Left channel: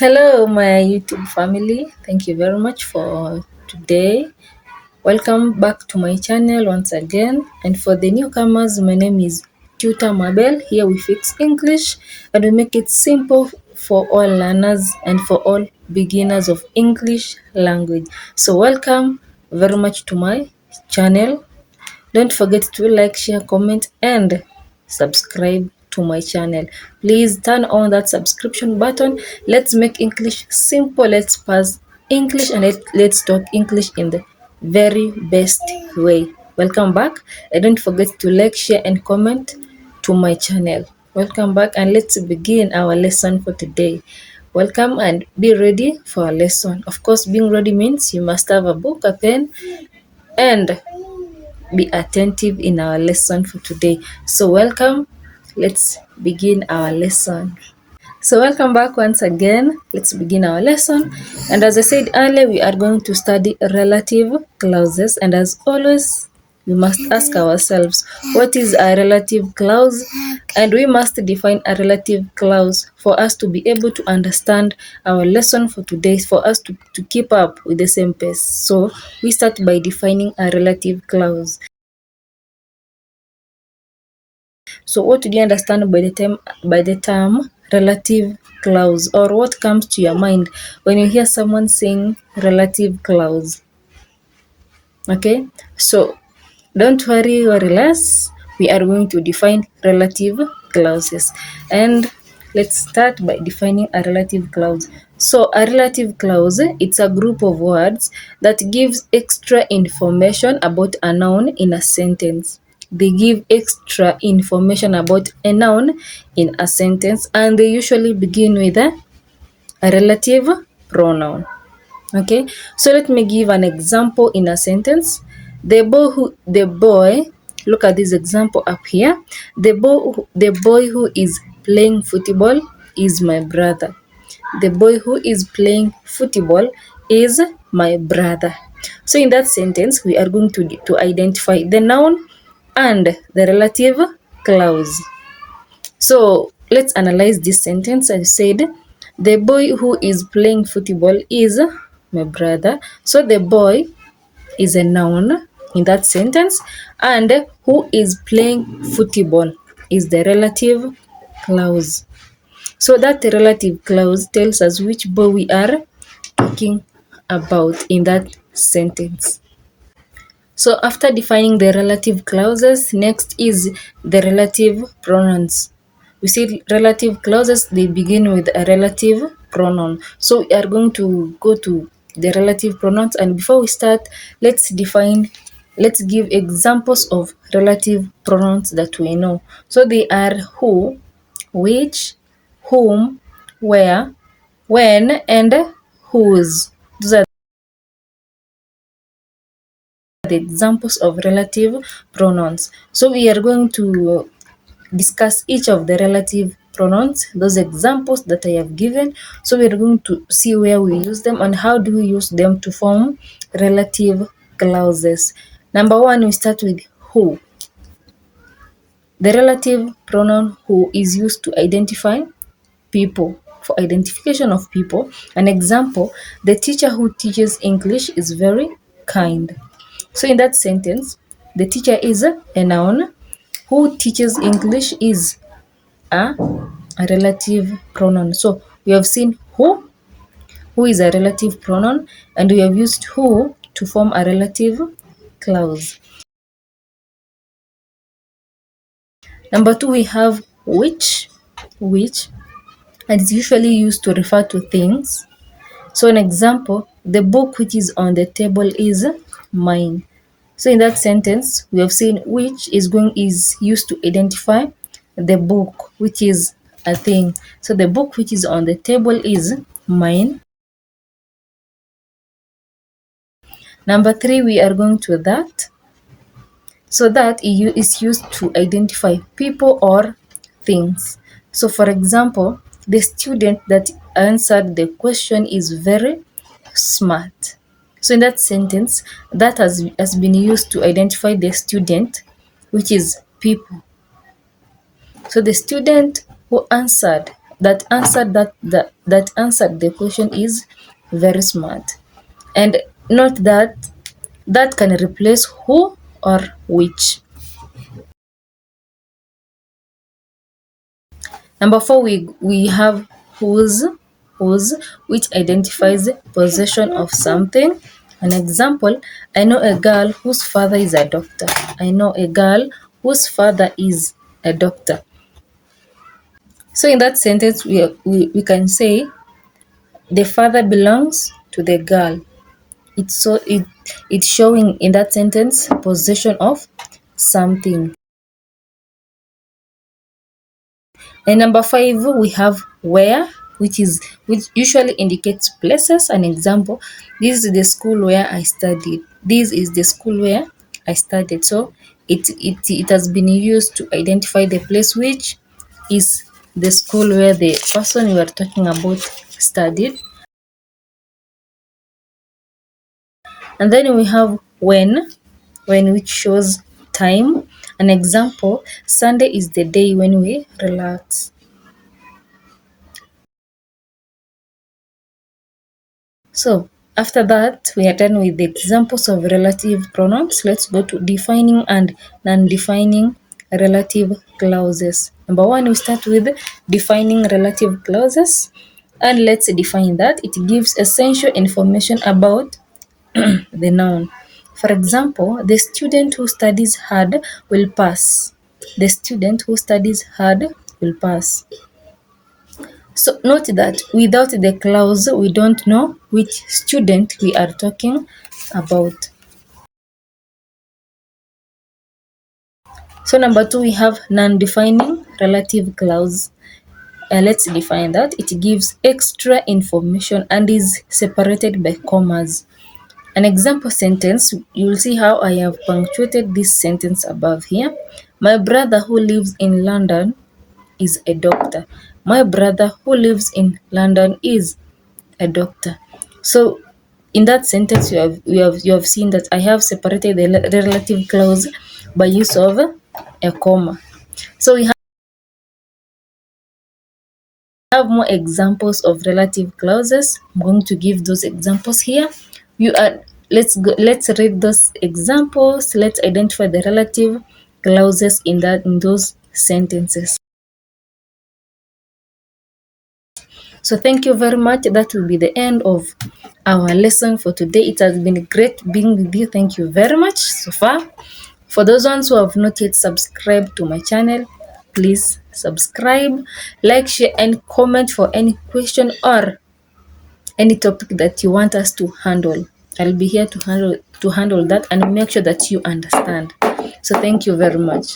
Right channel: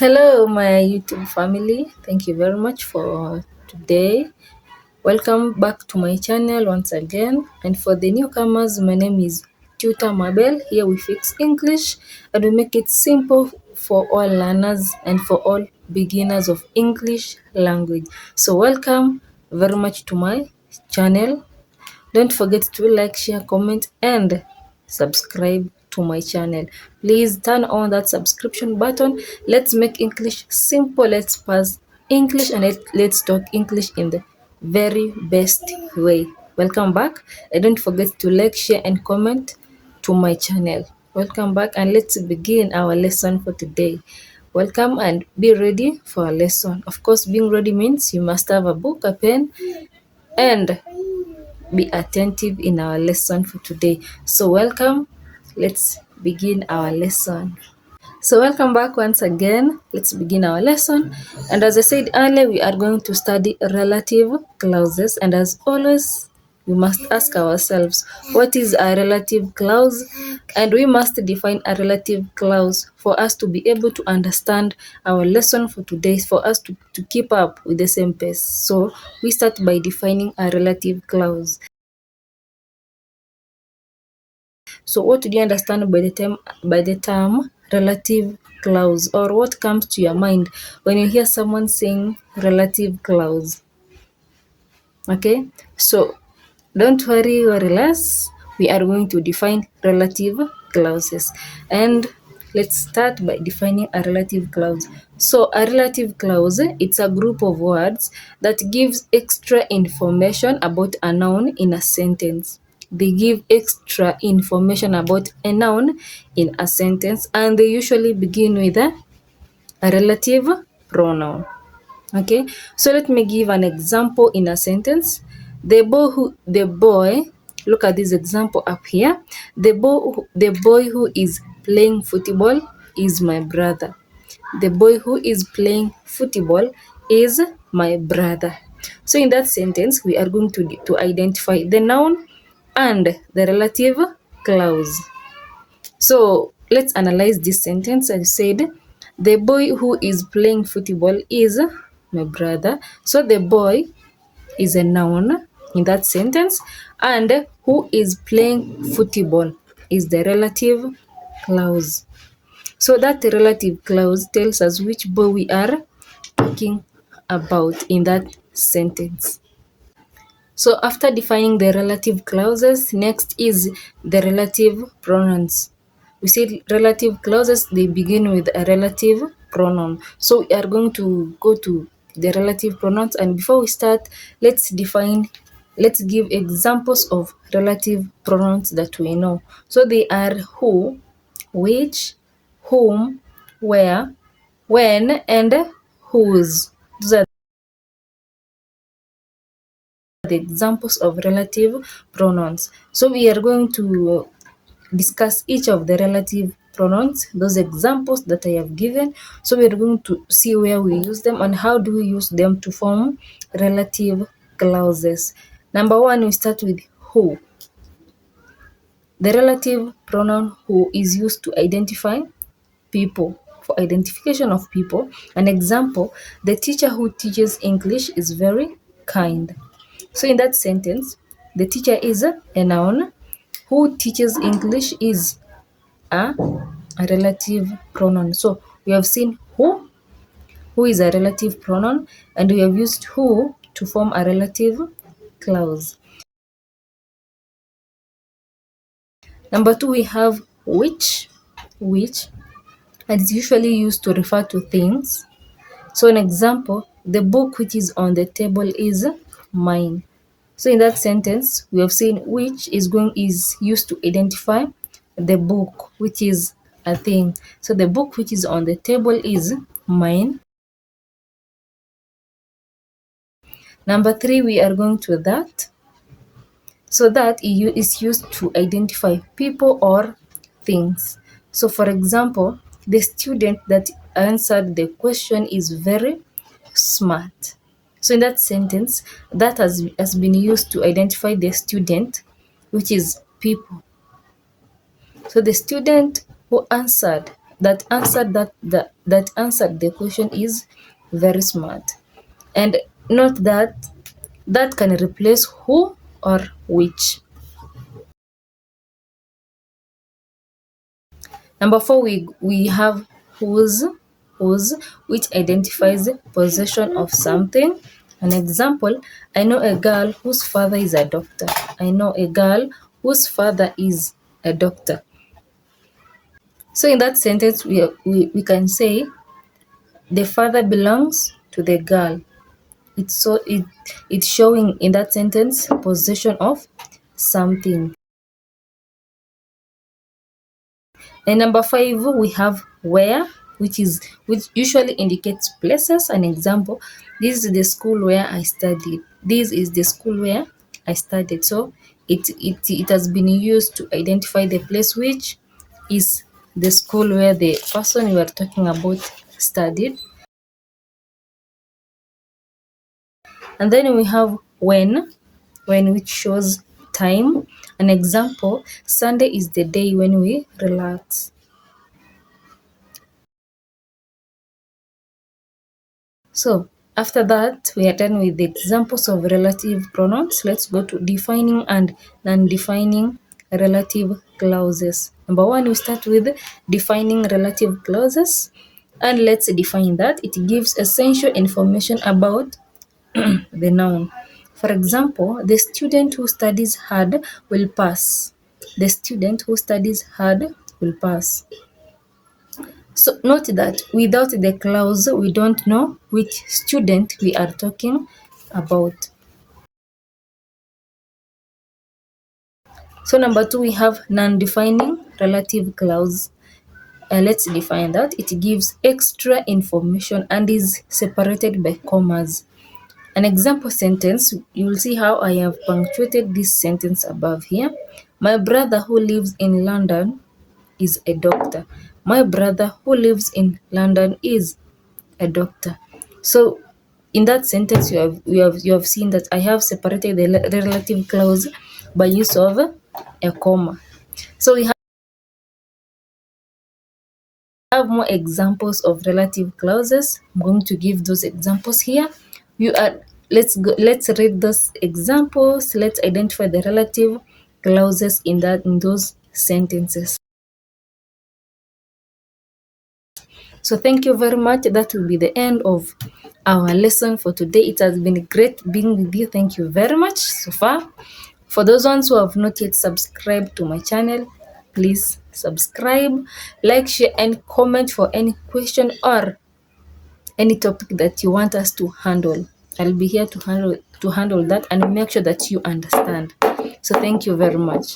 Hello, my YouTube family. Thank you very much for today. Welcome back to my channel once again. And for the newcomers, my name is Tutor Mabel. Here we fix English and we make it simple for all learners and for all beginners of English language. So, welcome very much to my channel. Don't forget to like, share, comment, and subscribe to my channel. Please turn on that subscription button. Let's make English simple. Let's pass English and let's talk English in the very best way. Welcome back. And don't forget to like, share, and comment to my channel. Welcome back, and let's begin our lesson for today. Welcome and be ready for our lesson. Of course, being ready means you must have a book, a pen, and be attentive in our lesson for today. So, welcome. Let's begin our lesson. So, welcome back once again. Let's begin our lesson. And as I said earlier, we are going to study relative clauses. And as always, we must ask ourselves, what is a relative clause? And we must define a relative clause for us to be able to understand our lesson for today, for us to keep up with the same pace. So, we start by defining a relative clause. So what do you understand by the term relative clause, or what comes to your mind when you hear someone saying relative clause? Okay, so don't worry or less. We are going to define relative clauses, and let's start by defining a relative clause. So a relative clause, it's a group of words that gives extra information about a noun in a sentence. They give extra information about a noun in a sentence, and they usually begin with a relative pronoun. Okay, so let me give an example in a sentence. Look at this example up here. The boy who is playing football is my brother. The boy who is playing football is my brother. So in that sentence, we are going to identify the noun and the relative clause. So let's analyze this sentence. I said, the boy who is playing football is my brother. So the boy is a noun in that sentence, and who is playing football is the relative clause. So that relative clause tells us which boy we are talking about in that sentence. So after defining the relative clauses, next is the relative pronouns. We see relative clauses, they begin with a relative pronoun. So we are going to go to the relative pronouns, and before we start, let's give examples of relative pronouns that we know. So they are who, which, whom, where, when, and whose. Those are the examples of relative pronouns. So we are going to discuss each of the relative pronouns, those examples that I have given. So we are going to see where we use them and how do we use them to form relative clauses. Number one, we start with who. The relative pronoun who is used to identify people, for identification of people. An example, the teacher who teaches English is very kind. So in that sentence, the teacher is a noun. Who teaches English is a relative pronoun. So we have seen who is a relative pronoun, and we have used who to form a relative clause. Number two, we have which, and it's usually used to refer to things. So an example, the book which is on the table is mine. So in that sentence, we have seen which is used to identify the book, which is a thing. So the book which is on the table is mine. Number three, we are going to that. So that is used to identify people or things. So for example, the student that answered the question is very smart. So in that sentence, that has been used to identify the student, which is people. So the student who answered that answered the question is very smart. And note that that can replace who or which. Number 4, we have whose, which identifies possession of something. An example, I know a girl whose father is a doctor. I know a girl whose father is a doctor. So in that sentence, we can say the father belongs to the girl. It's showing in that sentence possession of something. And number 5, we have where, which usually indicates places. An example, this is the school where I studied. This is the school where I studied. So it has been used to identify the place which is the school where the person we are talking about studied. And then we have when which shows time. An example, Sunday is the day when we relax. So after that, we are done with the examples of relative pronouns. Let's go to defining and non-defining relative clauses. Number 1, we start with defining relative clauses. And let's define that. It gives essential information about the noun. For example, the student who studies hard will pass. The student who studies hard will pass. So note that without the clause, we don't know which student we are talking about. So number 2, we have non-defining relative clause. Let's define that. It gives extra information and is separated by commas. An example sentence, you will see how I have punctuated this sentence above here. My brother who lives in London is a doctor. My brother who lives in London is a doctor. So in that sentence, you have seen that I have separated the relative clause by use of a comma. So we have more examples of relative clauses. I'm going to give those examples here. Let's read those examples. Let's identify the relative clauses in those sentences. So thank you very much. That will be the end of our lesson for today. It has been great being with you. Thank you very much so far. For those ones who have not yet subscribed to my channel, please subscribe, like, share, and comment for any question or any topic that you want us to handle. I'll be here to handle that and make sure that you understand. So thank you very much.